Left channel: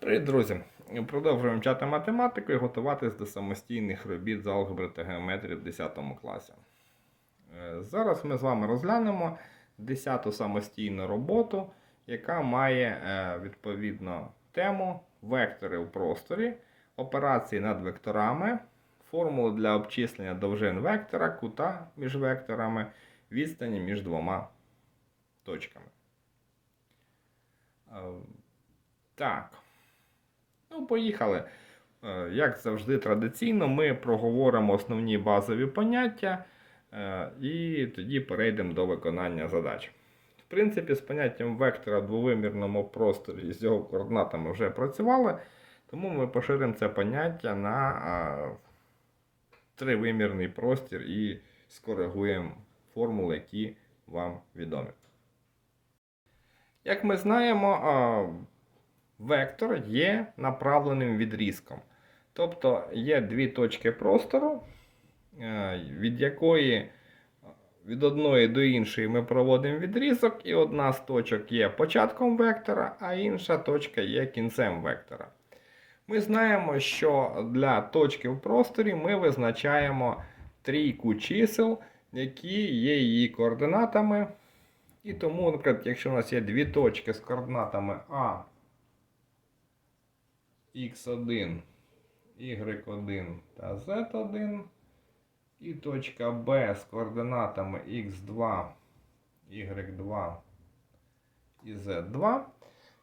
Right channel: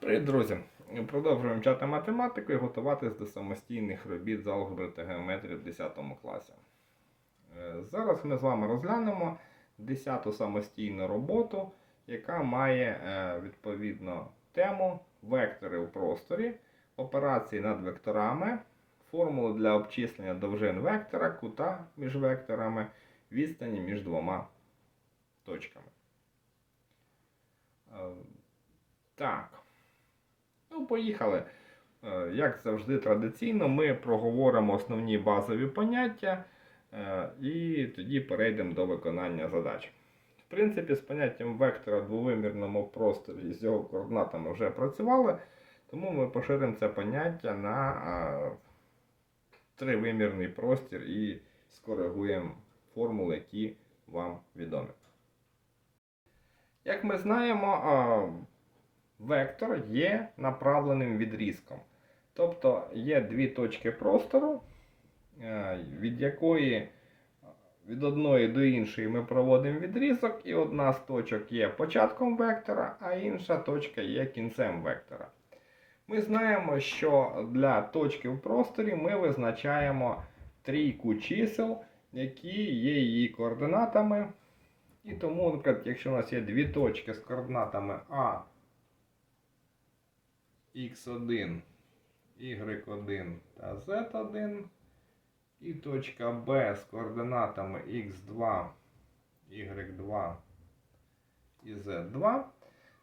Привіт, друзі! Продовжуємо вчати математику і готуватись до самостійних робіт з алгебри та геометрії в 10 класі. Е, Зараз ми з вами розглянемо 10 самостійну роботу, яка має е, відповідно тему вектори у просторі, операції над векторами, формули для обчислення довжин вектора, кута між векторами, відстані між двома точками. Е, Так. Ну, поїхали. Е, Як завжди традиційно, ми проговоримо основні базові поняття е, і тоді перейдемо до виконання задач. В принципі, з поняттям вектора в двовимірному просторі з його координатами вже працювали, тому ми поширимо це поняття на е, тривимірний простір і скоригуємо формули, які вам відомі. Як ми знаємо, вектор є направленим відрізком. Тобто є дві точки простору, е, від якої від одної до іншої ми проводимо відрізок, і одна з точок є початком вектора, а інша точка є кінцем вектора. Ми знаємо, що для точки в просторі ми визначаємо трійку чисел, які є її координатами. І тому, наприклад, якщо у нас є дві точки з координатами А, Х1, Y1 та Z1, і точка Б з координатами Х2, Y2 і Z2,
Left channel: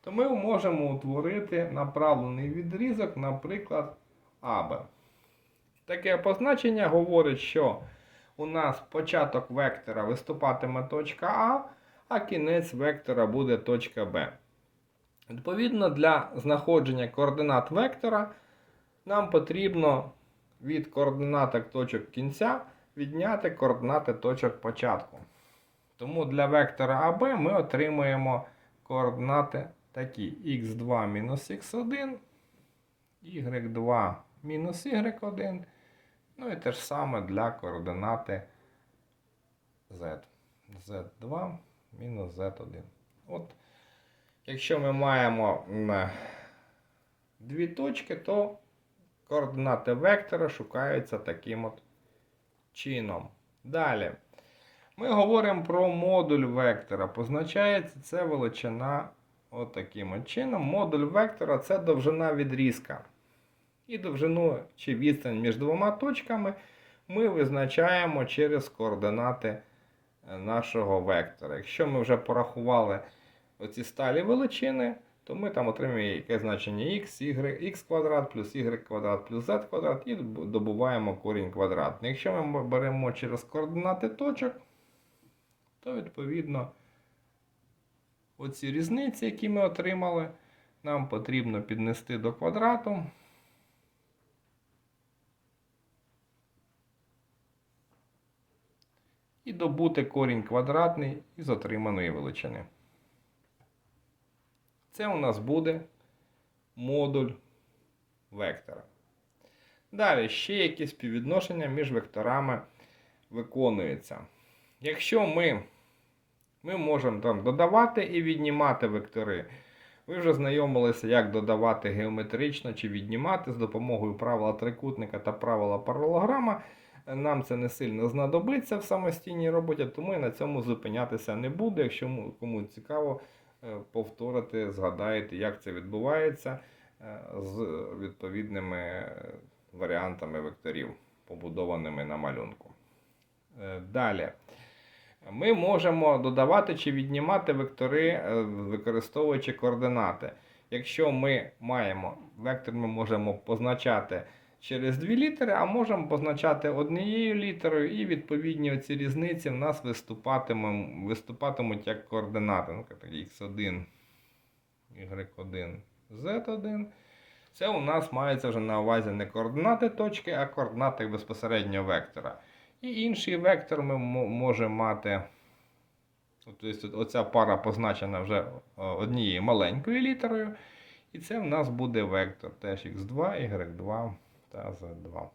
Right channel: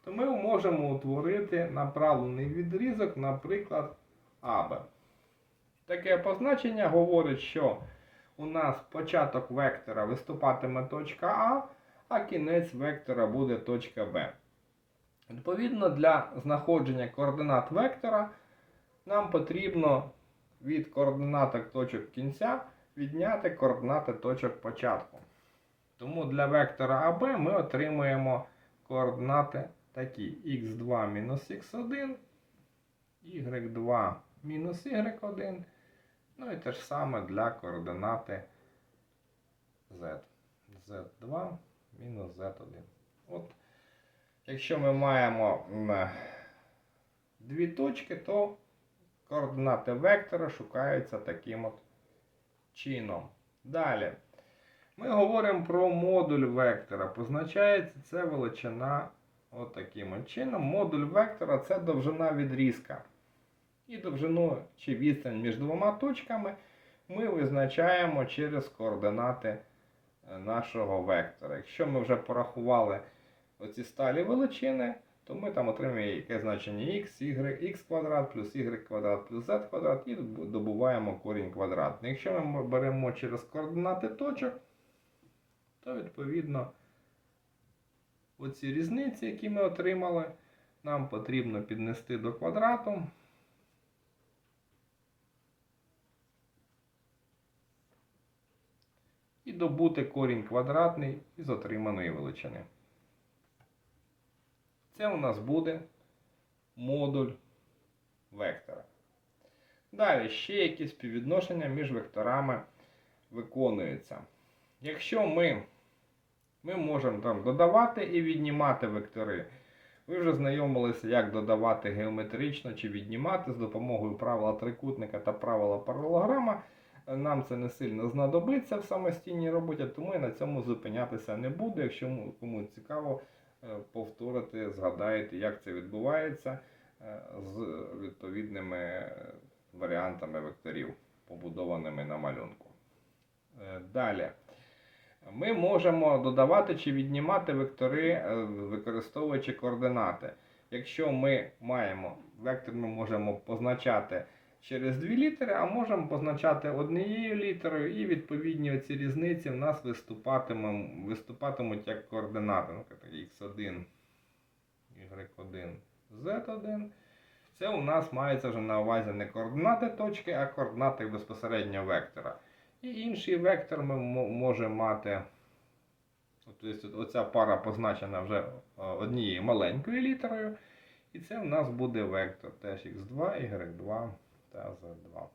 то ми можемо утворити направлений відрізок, наприклад, АБ. Таке позначення говорить, що у нас початок вектора виступатиме точка А, а кінець вектора буде точка Б. Відповідно, для знаходження координат вектора нам потрібно від координаток точок кінця відняти координати точок початку. Тому для вектора АБ ми отримуємо координати такі х2 мінус х1, y2 мінус y1. Ну і те ж саме для координати z. z2 мінус z1. От, якщо ми маємо дві точки, то координати вектора шукаються таким от чином. Далі. Ми говоримо про модуль вектора. Позначається це величина от таким от чином. Модуль вектора це довжина відрізка. І довжину чи відстань між двома точками ми визначаємо через координати е, нашого вектора. Якщо ми вже порахували оці сталі величини, то ми там отримуємо яке значення x, y, x квадрат плюс y квадрат плюс z квадрат і добуваємо корінь квадратний. Якщо ми беремо через координати точок, то відповідно оці різниці, які ми отримали, нам потрібно піднести до квадрату. І добути корінь квадратний із отриманої величини. Це у нас буде модуль вектора. Далі ще якісь співвідношення між векторами виконуються. Якщо ми, ми можемо там додавати і віднімати вектори, ви вже знайомилися, як додавати геометрично чи віднімати з допомогою правила трикутника та правила паралограма. Нам це не сильно знадобиться в самостійній роботі, тому я на цьому зупинятися не буду. Якщо кому цікаво, е, повторити, згадаєте, як це відбувається е, з відповідними е, варіантами векторів, побудованими на малюнку. Далі. Ми можемо додавати чи віднімати вектори, використовуючи координати. Якщо ми маємо вектор, ми можемо позначати через дві літери, а можемо позначати однією літерою, і відповідні оці різниці в нас виступатимуть, виступатимуть як координати. Ну, так, x1, y1, z1. Це у нас мається вже на увазі не координати точки, а координати безпосередньо вектора. І інший вектор ми можемо мати. Тобто Оця пара позначена вже однією маленькою літерою. І це у нас буде вектор теж x2, y2 та Z2.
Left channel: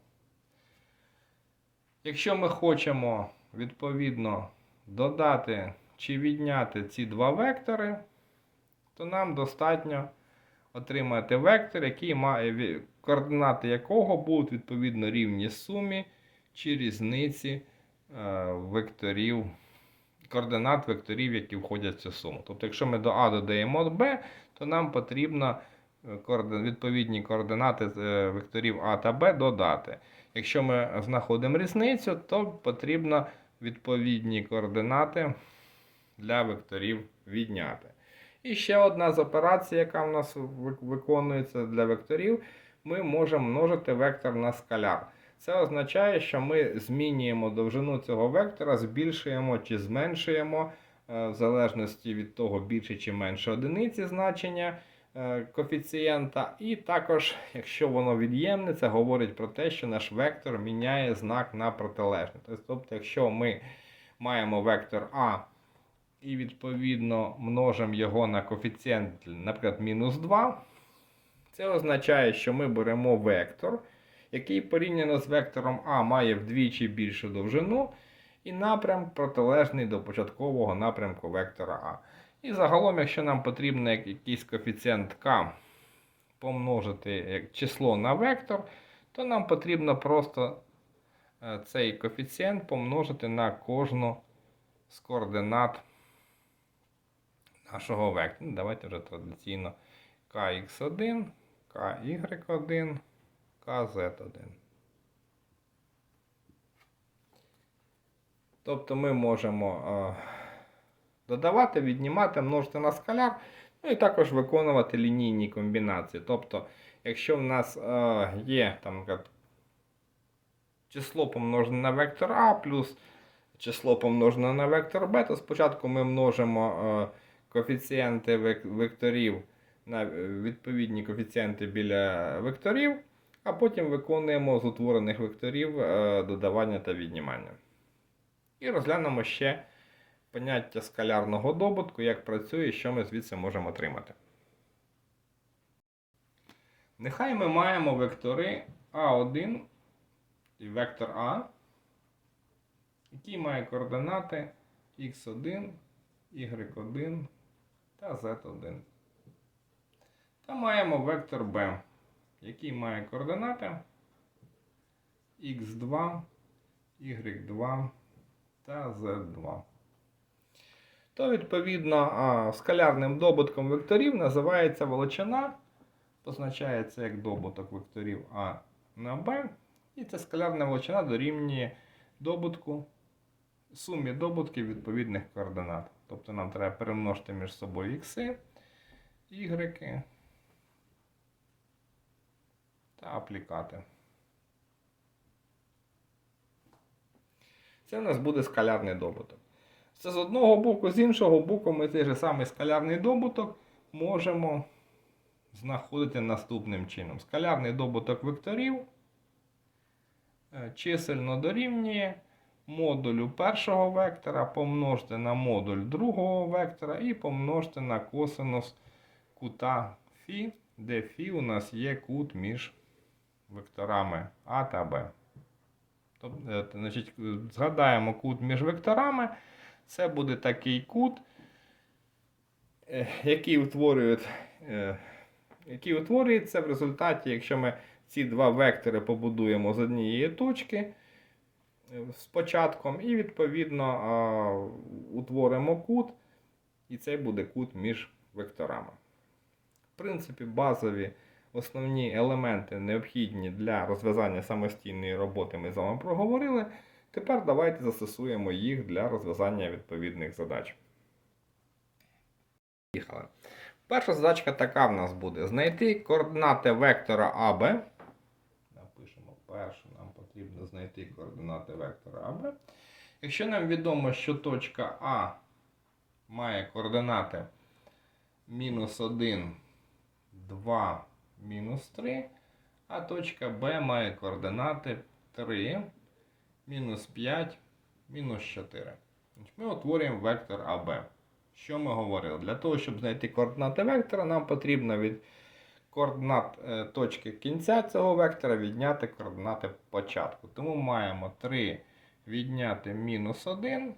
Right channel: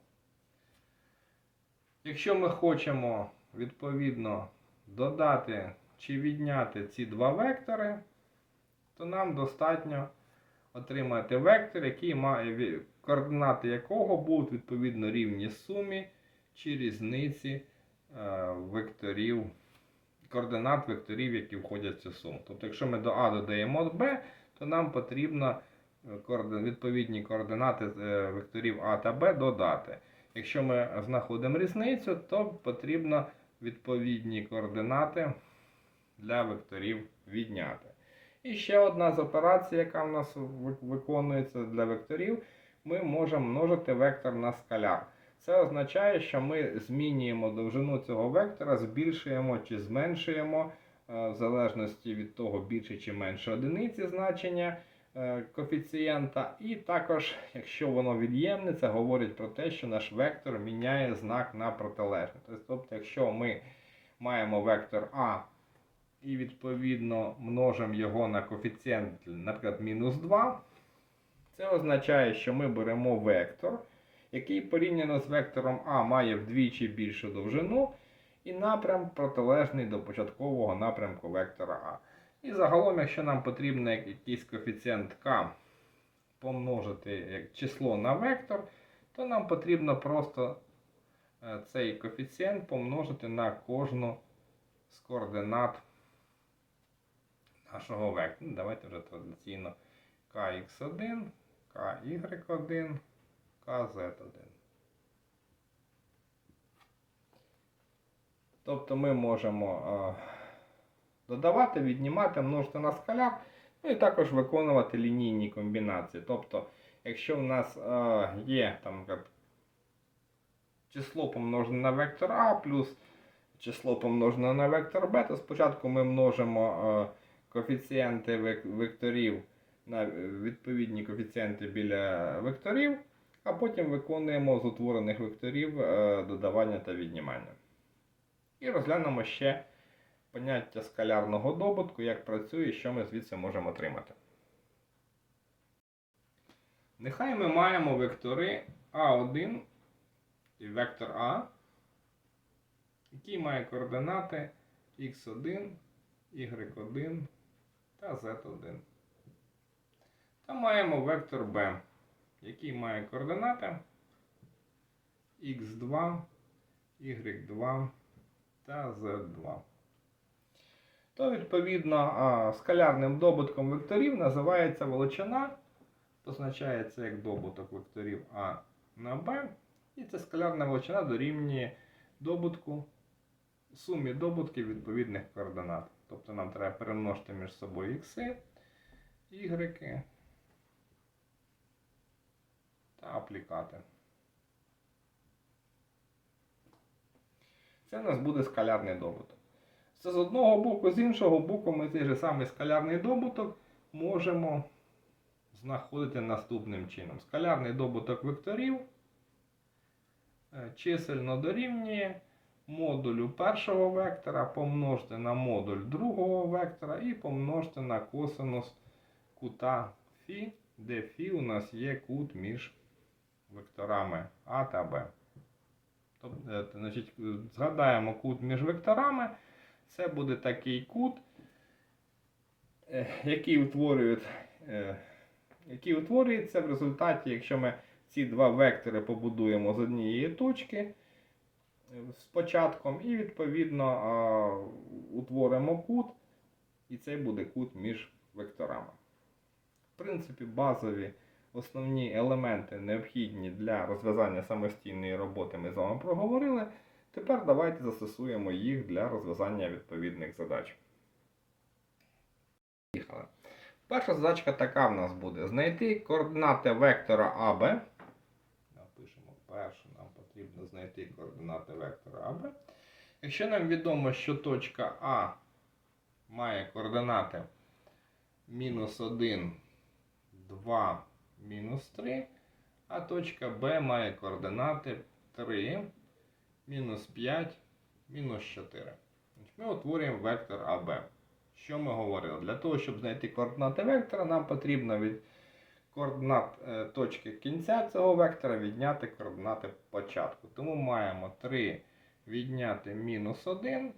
Якщо ми хочемо відповідно додати чи відняти ці два вектори, то нам достатньо отримаєте вектор, який має координати якого будуть відповідно рівні сумі чи різниці е, векторів, координат векторів, які входять в цю суму. Тобто, якщо ми до А додаємо Б, то нам потрібно відповідні координати е, векторів А та Б додати. Якщо ми знаходимо різницю, то потрібно відповідні координати для векторів відняти. І ще одна з операцій, яка в нас виконується для векторів, ми можемо множити вектор на скаляр. Це означає, що ми змінюємо довжину цього вектора, збільшуємо чи зменшуємо, е, в залежності від того, більше чи менше одиниці значення коефіцієнта. І також, якщо воно від'ємне, це говорить про те, що наш вектор міняє знак на протилежний. Тобто, якщо ми маємо вектор А і відповідно множимо його на коефіцієнт, наприклад, мінус 2, це означає, що ми беремо вектор, який порівняно з вектором А має вдвічі більшу довжину, і напрям протилежний до початкового напрямку вектора А. І загалом, якщо нам потрібно якийсь коефіцієнт К помножити число на вектор, то нам потрібно просто е, цей коефіцієнт помножити на кожну з координат нашого вектора. Ну, Давайте вже традиційно kx1, ky1, kz1. Тобто ми можемо е, додавати, віднімати, множити на скаляр, ну і також виконувати лінійні комбінації. Тобто, якщо в нас е, є там, наприклад, число помножене на вектор А плюс число помножене на вектор Б, то спочатку ми множимо е, коефіцієнти векторів на е, відповідні коефіцієнти біля векторів, а потім виконуємо з утворених векторів е, додавання та віднімання. І розглянемо ще поняття скалярного добутку, як працює і що ми звідси можемо отримати. Нехай ми маємо вектори А1 і вектор А, який має координати x1, y1 та z1. Та маємо вектор b, який має координати x2, y2 та z2. То, відповідно, скалярним добутком векторів називається величина, позначається як добуток векторів А на b, і ця скалярна величина дорівнює добутку сумі добутків відповідних координат. Тобто нам треба перемножити між собою ікси, ігреки та аплікати. Це у нас буде скалярний добуток. Це з одного боку, з іншого боку, ми цей же самий скалярний добуток можемо знаходити наступним чином. Скалярний добуток векторів е, чисельно дорівнює модулю першого вектора помножити на модуль другого вектора і помножити на косинус кута φ, де φ у нас є кут між векторами А та Б. Тобто, значить, е, згадаємо кут між векторами. Це буде такий кут, е, який е, який утворюється в результаті, якщо ми ці два вектори побудуємо з однієї точки е, з початком, і відповідно утворимо кут, і це буде кут між векторами. В принципі, базові основні елементи необхідні для розв'язання самостійної роботи ми з вами проговорили. Тепер давайте застосуємо їх для розв'язання відповідних задач. Перша задачка така в нас буде: знайти координати вектора АБ. Напишемо першу, нам потрібно знайти координати вектора АБ. Якщо нам відомо, що точка А має координати мінус 1, 2, мінус 3, а точка Б має координати 3, мінус 5, мінус 4. Ми утворюємо вектор АБ. Що ми говорили? Для того, щоб знайти координати вектора, нам потрібно від координат е, точки кінця цього вектора відняти координати початку. Тому маємо 3 відняти мінус 1.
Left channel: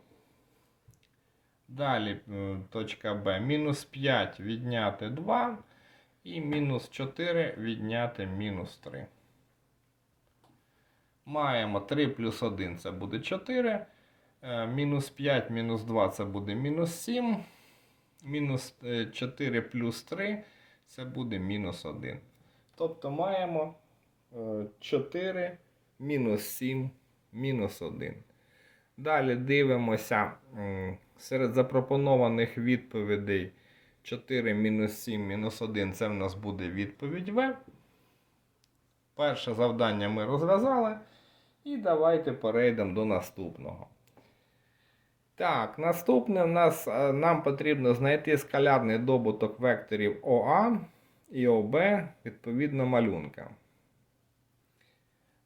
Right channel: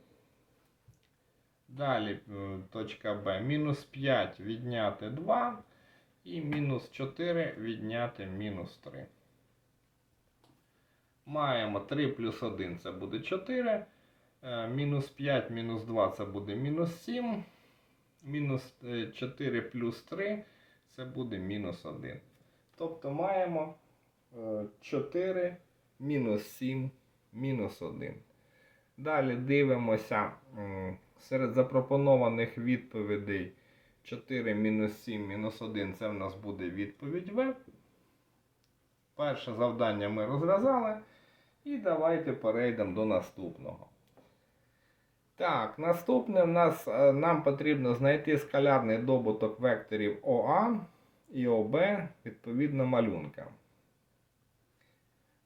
Далі е, точка Б мінус 5 відняти 2. І мінус 4 відняти мінус 3. Маємо 3 плюс 1 це буде 4. Е, Мінус 5 мінус 2 це буде мінус 7. Мінус е, 4 плюс 3 це буде мінус 1. Тобто маємо е, 4 мінус 7 мінус 1. Далі дивимося серед запропонованих відповідей 4 мінус 7 мінус 1 це в нас буде відповідь В. Перше завдання ми розв'язали. І давайте перейдемо до наступного. Так, наступне в нас, е, нам потрібно знайти скалярний добуток векторів ОА і ОБ відповідно малюнка.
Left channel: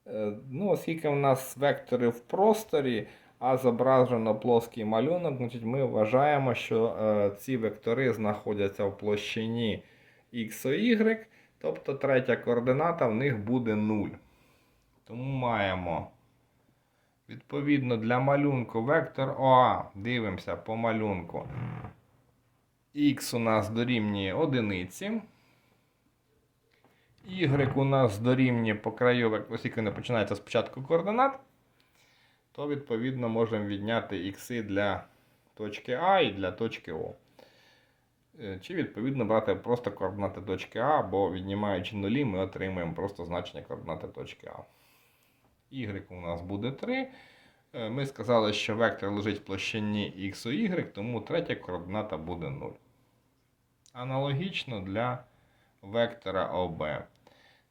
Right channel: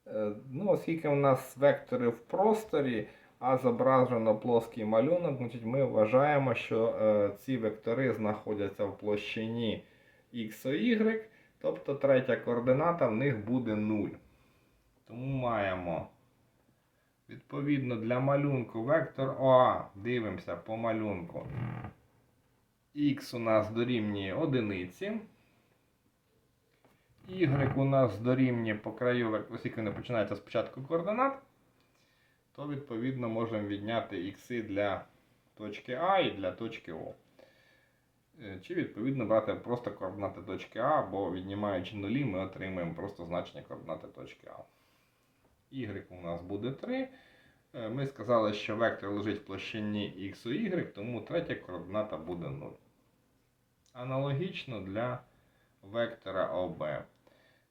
Е, Ну, оскільки в нас вектори в просторі, а зображено плоский малюнок, значить ми вважаємо, що е, ці вектори знаходяться в площині X Y, тобто третя координата в них буде 0. Тому маємо відповідно для малюнку вектор ОА. Дивимося по малюнку. Х у нас дорівнює одиниці. Y у нас дорівнює по краю, оскільки не починається спочатку координат, то відповідно можемо відняти ікси для точки А і для точки О. Е, Чи відповідно брати просто координати точки А, бо віднімаючи нулі, ми отримаємо просто значення координати точки А. Y у нас буде 3. Е, Ми сказали, що вектор лежить в площині X у Y, тому третя координата буде 0. Аналогічно для вектора ОБ.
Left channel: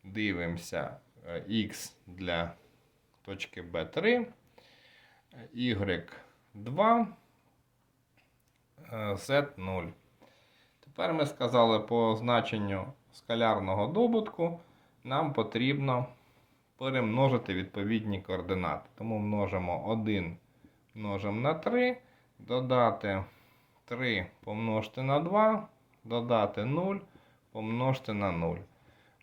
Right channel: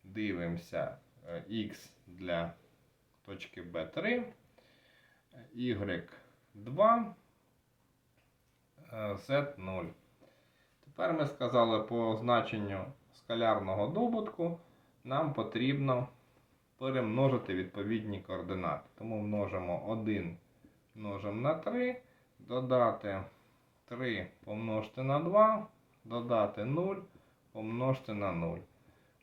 Дивимося е, X для точки B3, Y2, е, Z0. Тепер ми сказали по значенню скалярного добутку, нам потрібно перемножити відповідні координати. Тому множимо 1 множимо на 3, додати 3 помножити на 2, додати 0, помножити на 0.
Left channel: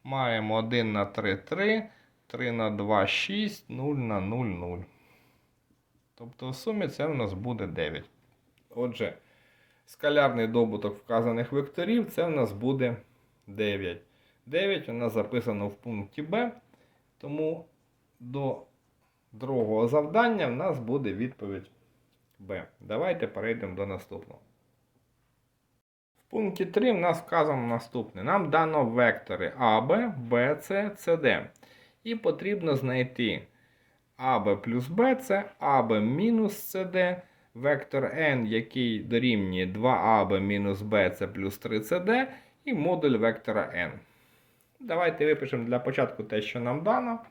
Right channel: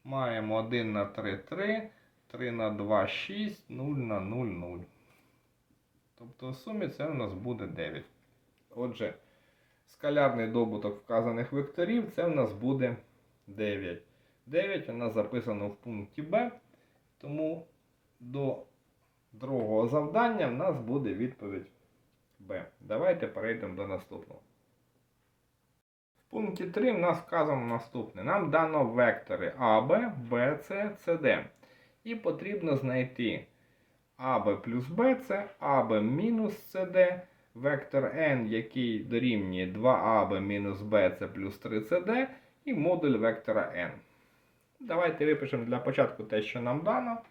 Маємо 1 на 3 3, 3 на 2 6, 0 на 0 0. Тобто в сумі це в нас буде 9. Отже, скалярний добуток вказаних векторів це в нас буде 9. 9 у нас записано в пункті Б. Тому до другого завдання в нас буде відповідь Б. Давайте перейдемо до наступного. В пункті 3 в нас вказано наступне. Нам дано вектори АБ, БЦ, СД. І потрібно знайти АБ плюс БЦ, АБ мінус СД, вектор n, який дорівнює 2АБ мінус БЦ плюс 3СД, і модуль вектора n. Давайте випишемо для початку те, що нам дано.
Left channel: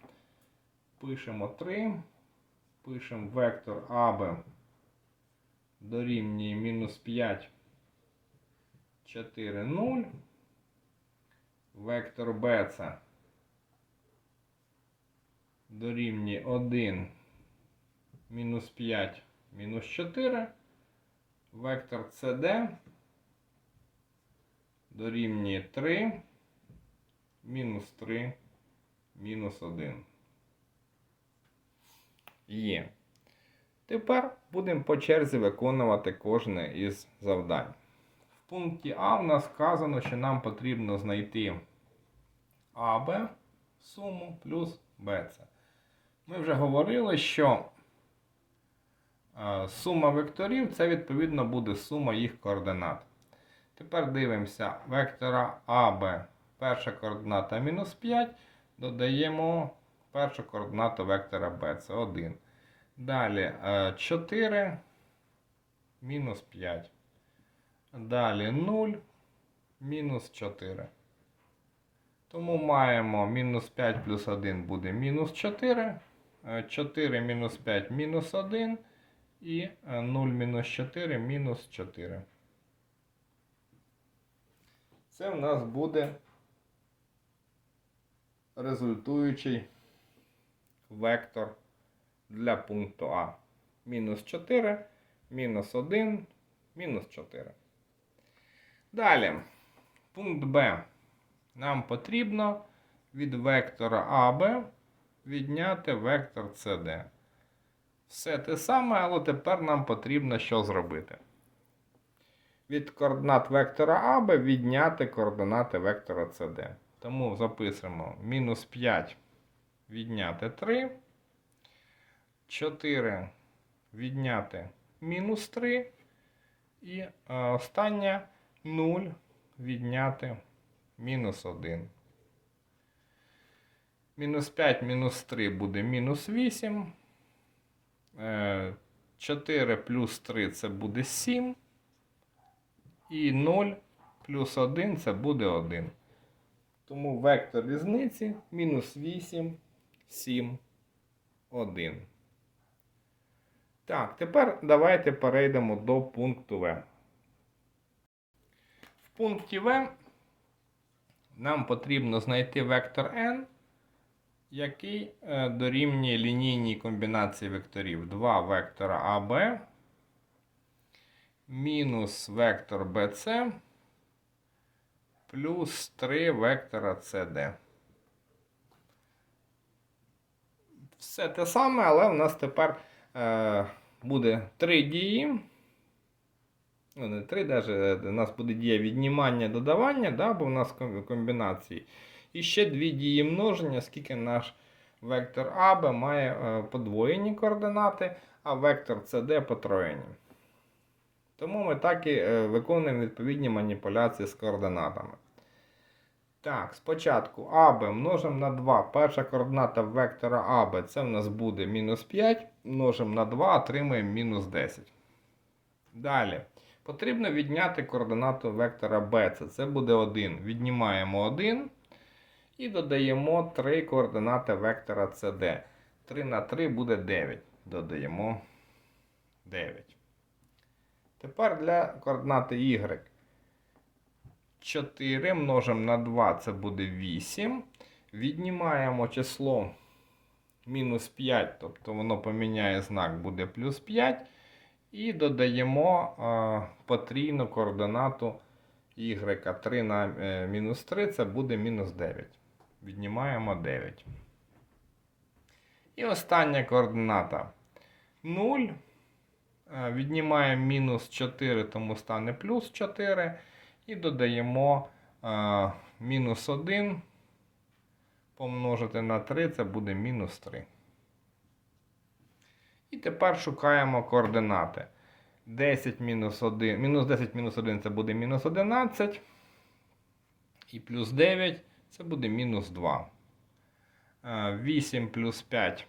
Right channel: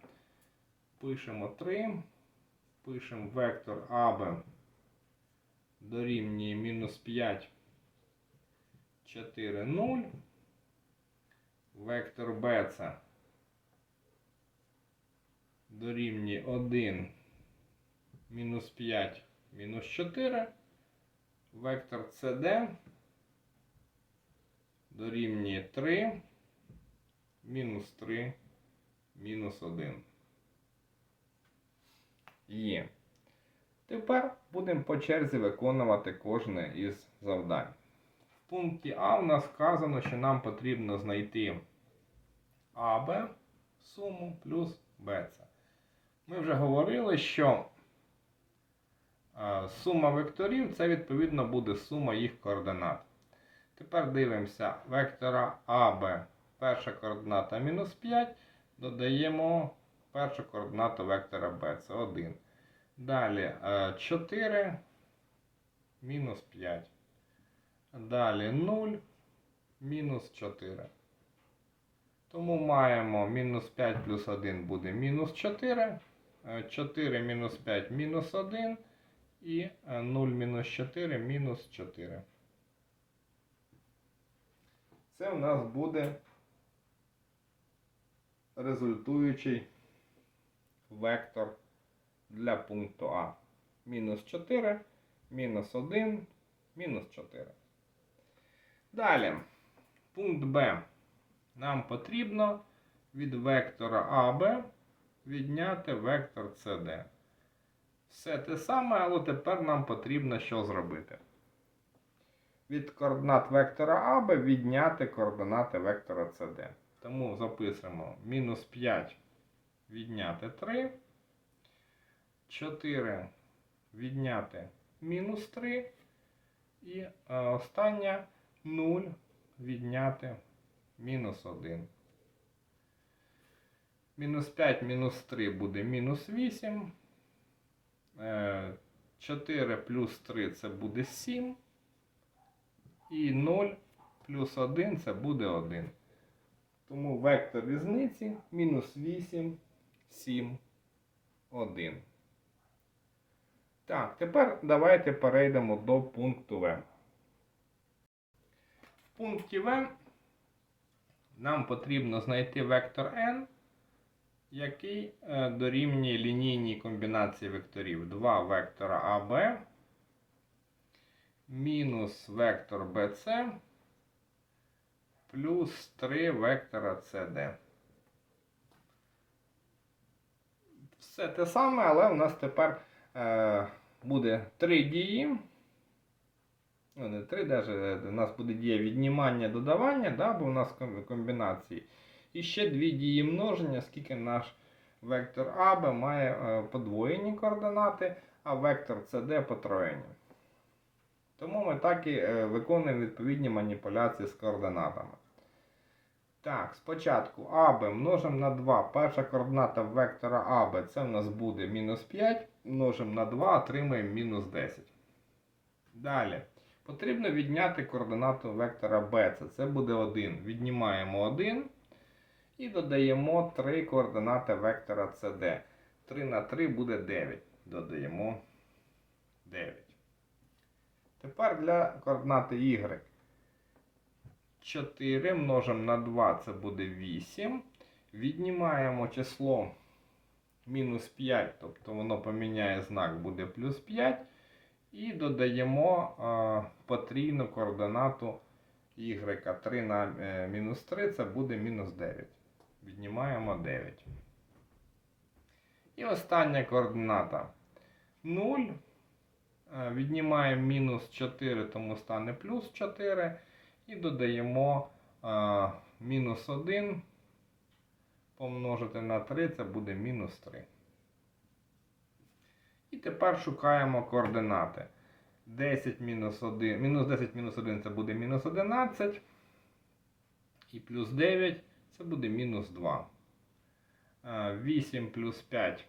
Пишемо 3. Пишемо вектор АБ дорівнює мінус 5, 4, 0. Вектор БЦ дорівнює 1, мінус 5, мінус 4. Вектор CD дорівнює 3, мінус 3, мінус 1. Є. Тепер будемо по черзі виконувати кожне із завдань. В пункті А у нас вказано, що нам потрібно знайти АБ суму плюс БЦ. Ми вже говорили, що е, сума векторів це відповідно буде сума їх координат. Тепер дивимося вектора АБ. Перша координата мінус 5. Додаємо першу координату вектора B. Це 1. Далі е, 4 мінус 5. Далі 0 мінус 4. Тому маємо мінус 5 плюс 1 буде мінус 4. е, 4 мінус 5 мінус 1. І е, 0 мінус 4 мінус 4. Це в нас буде результуючий вектор для пункту А. Мінус 4, мінус 1, мінус 4. Далі, пункт Б. Нам потрібно від вектора АБ відняти вектор CD. Все те саме, але тепер нам потрібно що зробити. від координат вектора АБ відняти координати вектора СД. Тому записуємо мінус 5 відняти 3. 4 відняти мінус 3. І е, останнє 0 відняти мінус 1. Мінус 5 мінус 3 буде мінус 8. Е, 4 плюс 3 це буде 7. І 0 плюс 1 це буде 1. Тому вектор різниці мінус 8, 7, 1. Так, тепер давайте перейдемо до пункту В. В пункті В нам потрібно знайти вектор n, який е, дорівнює лінійній комбінації векторів 2 вектора AB мінус вектор BC плюс 3 вектора CD. Все те саме, але у нас тепер е, буде три дії. Ну, не три, даже, у нас буде дія віднімання додавання, да, бо у нас комбінації. І ще дві дії множення, скільки наш вектор АБ має е, подвоєні координати, а вектор CD потроєні. Тому ми так і е, виконуємо відповідні маніпуляції з координатами. Так, спочатку АБ множимо на 2. Перша координата вектора АБ це в нас буде мінус 5. Множимо на 2, отримаємо мінус 10. Далі. Потрібно відняти координату вектора BC. Це буде 1. Віднімаємо 1 і додаємо 3 координати вектора CD. 3 на 3 буде 9. Додаємо 9. Тепер для координати Y. 4 множимо на 2, це буде 8. Віднімаємо число мінус 5, тобто воно поміняє знак, буде плюс 5. І додаємо е, потрійну координату y. 3 на е, мінус 3 це буде мінус 9. Віднімаємо 9. І остання координата 0. Е, Віднімаємо мінус 4, тому стане плюс 4. І додаємо е, мінус 1 помножити на 3, це буде мінус 3. І тепер шукаємо координати. 10 мінус 1, мінус 10 мінус 1 це буде мінус 11. І плюс 9 це буде мінус 2. Е, 8 плюс 5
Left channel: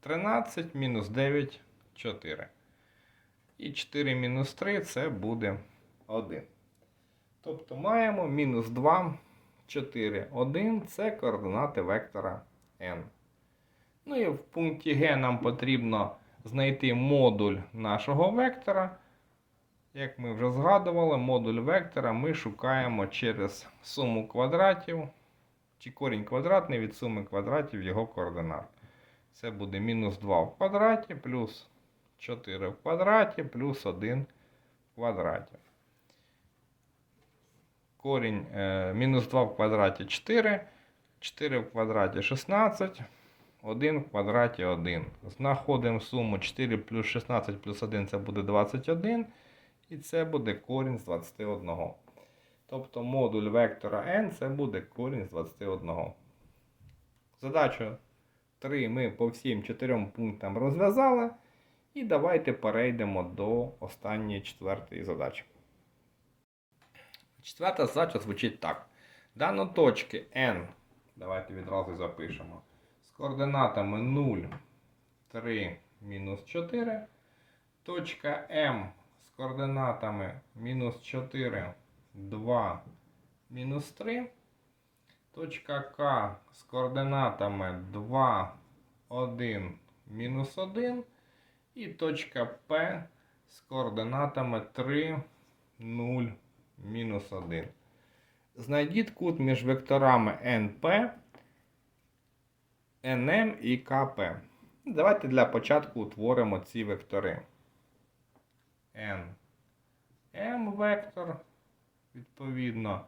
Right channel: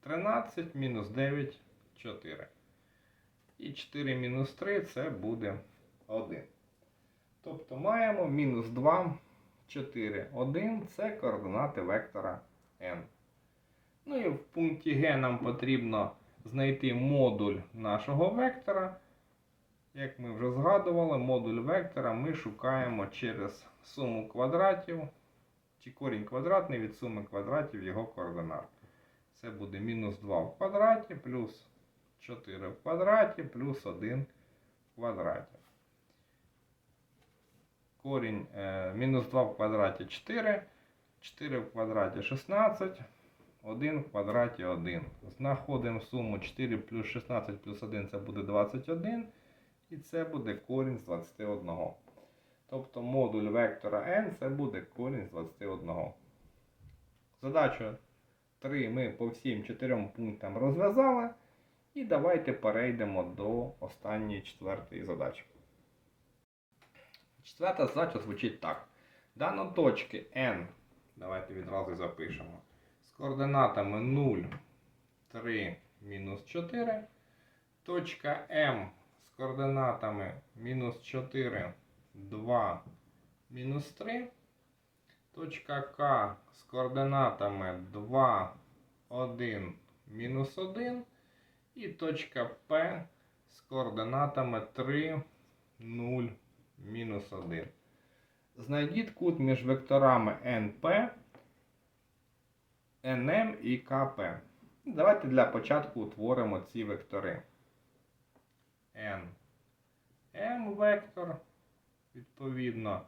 13, мінус 9 4. І 4 мінус 3 це буде 1. Тобто маємо мінус 2, 4, 1 це координати вектора n. Ну і в пункті Г нам потрібно знайти модуль нашого вектора. Як ми вже згадували, модуль вектора ми шукаємо через суму квадратів, чи корінь квадратний від суми квадратів його координат. Це буде мінус 2 в квадраті, плюс 4 в квадраті, плюс 1 в квадраті. Корінь е, мінус 2 в квадраті 4, 4 в квадраті 16, 1 в квадраті 1. Знаходимо суму 4 плюс 16 плюс 1 це буде 21. І це буде корінь з 21. Тобто модуль вектора n це буде корінь з 21. Задачу 3 ми по всім 4 пунктам розв'язали. І давайте перейдемо до останньої четвертої задачі. Четверта задача звучить так. Дано точки n, давайте відразу запишемо, з координатами 0, 3, мінус 4. Точка М з координатами мінус 4, 2, мінус 3. Точка К з координатами 2, 1, мінус 1. І точка П з координатами 3, 0, мінус 1. Знайдіть кут між векторами NP, NM і КП. Давайте для початку утворимо ці вектори. M вектор. Відповідно,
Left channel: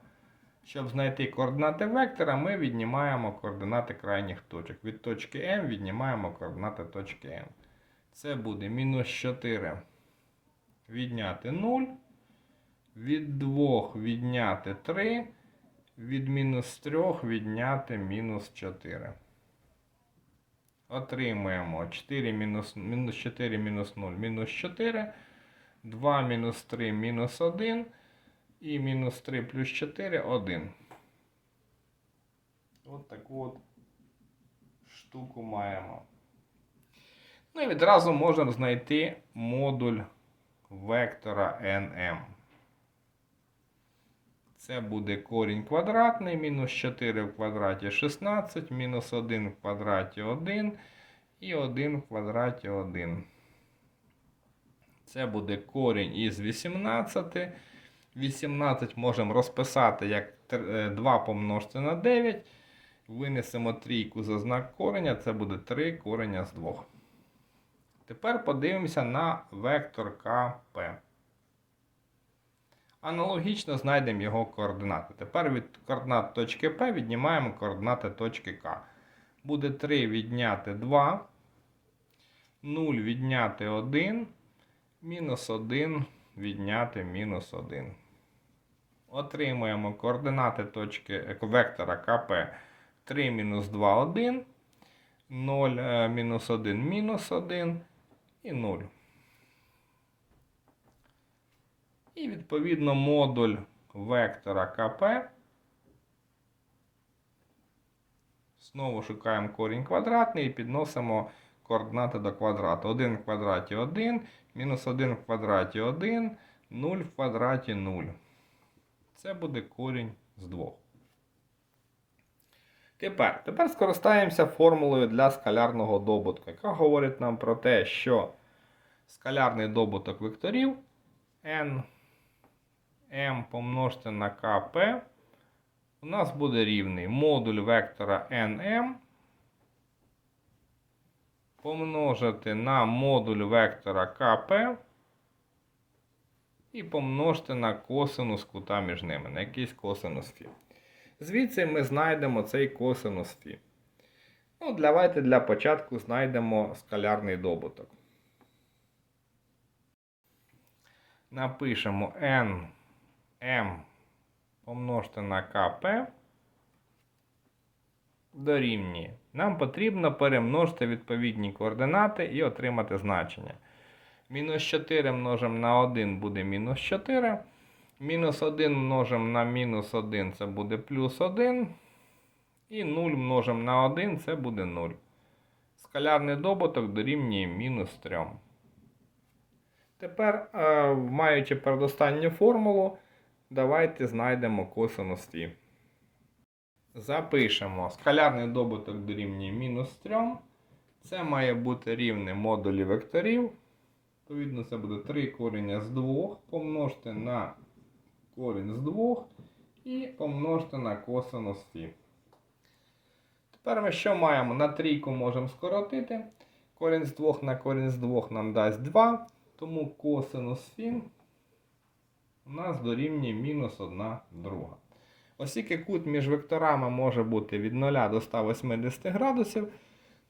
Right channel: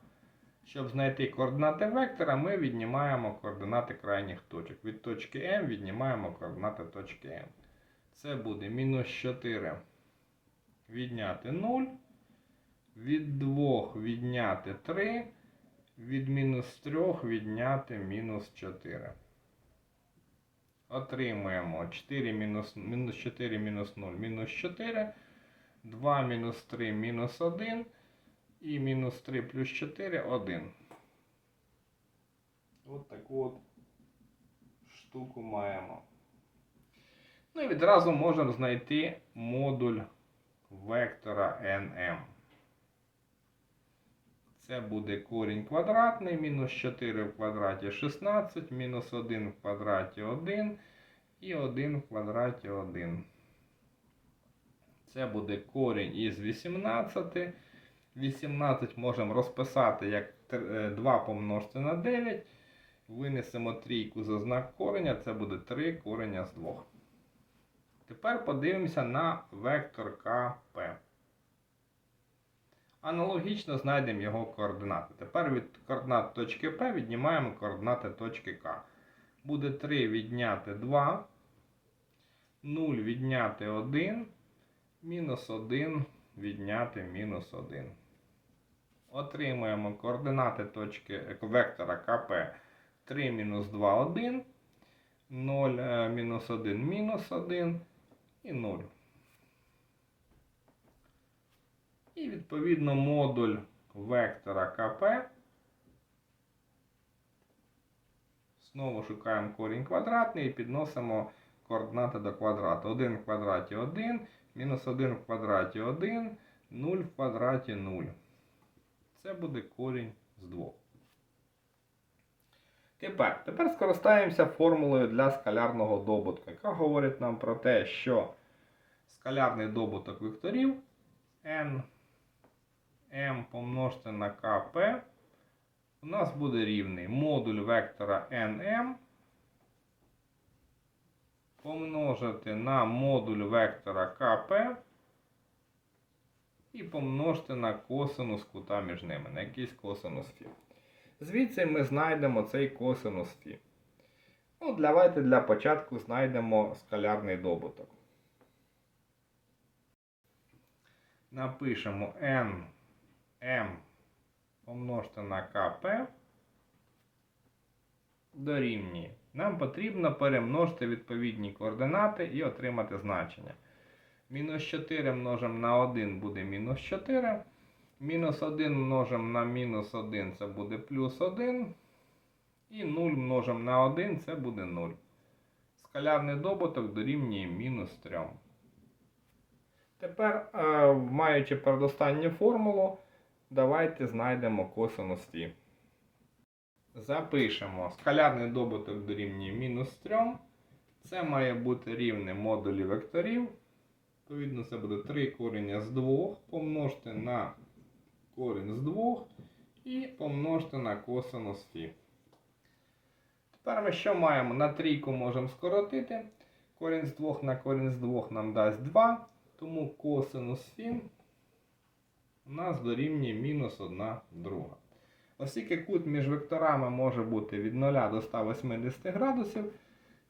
щоб знайти координати вектора, ми віднімаємо координати крайніх точок. Від точки M віднімаємо координати точки M. Це буде мінус 4 відняти 0 Від 2 відняти 3, від мінус 3 відняти мінус 4. Отримуємо 4 мінус, мінус 4 мінус 0, мінус 4, 2 мінус 3 мінус 1 і мінус 3 плюс 4 1. От таку от штуку маємо. Ну і відразу можемо знайти модуль вектора nm. Це буде корінь квадратний, мінус 4 в квадраті 16, мінус 1 в квадраті 1 і 1 в квадраті 1. Це буде корінь із 18. 18 можемо розписати як 2 помножити на 9. Винесемо трійку за знак кореня, це буде 3 кореня з 2. Тепер подивимося на вектор КП. Аналогічно знайдемо його координати. Тепер від координат точки P віднімаємо координати точки К. Буде 3 відняти 2, 0 відняти 1, мінус 1 відняти мінус 1. Отримуємо координати точки е, вектора КП 3 мінус 2 1, 0 е, мінус 1 мінус 1 і 0. І відповідно модуль вектора КП. Знову шукаємо корінь квадратний і підносимо координати до квадрату. 1 в квадраті 1, мінус 1 в квадраті 1, 0 в квадраті 0. Це буде корінь з 2. Тепер, тепер скористаємося формулою для скалярного добутку, яка говорить нам про те, що скалярний добуток векторів n m помножити на kp у нас буде рівний модуль вектора nm помножити на модуль вектора kp і помножити на косинус кута між ними, на якийсь косинус фі. Звідси ми знайдемо цей косинус фі. Ну, давайте для початку знайдемо скалярний добуток. Напишемо n m помножити на kp дорівнює. Нам потрібно перемножити відповідні координати і отримати значення. Мінус 4 множимо на 1 буде мінус 4. Мінус 1 множимо на мінус 1 це буде плюс 1. І 0 множимо на 1 це буде 0. Скалярний добуток дорівнює мінус 3. Тепер, е, маючи передостанню формулу, давайте знайдемо косинус фі. Запишемо скалярний добуток дорівнює мінус 3. Це має бути рівне модулі векторів. Відповідно, це буде 3 корення з 2 помножити на корінь з 2 і помножити на косинус фі. Тепер ми що маємо? На трійку можемо скоротити. Корінь з 2 на корінь з 2 нам дасть 2. Тому косинус фі у нас дорівнює мінус 1 друга. Оскільки кут між векторами може бути від 0 до 180 градусів,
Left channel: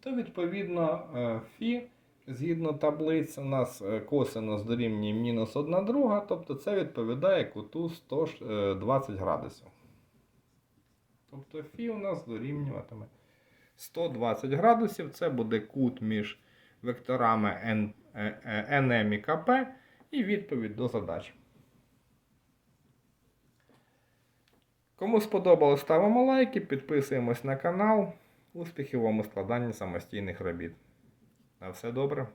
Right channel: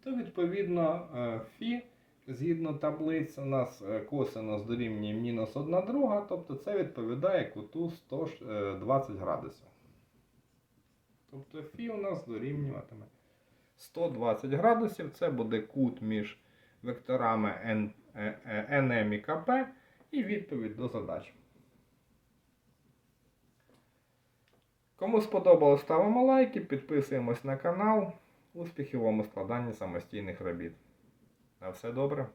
то відповідно е, фі, згідно таблиць, у нас е, косинус дорівнює мінус 1 друга, тобто це відповідає куту 120 градусів. Тобто фі у нас дорівнюватиме 120 градусів. Це буде кут між векторами NM і КП і відповідь до задачі. Кому сподобалось, ставимо лайки, підписуємось на канал. Успіхів вам у складанні самостійних робіт. На все добре.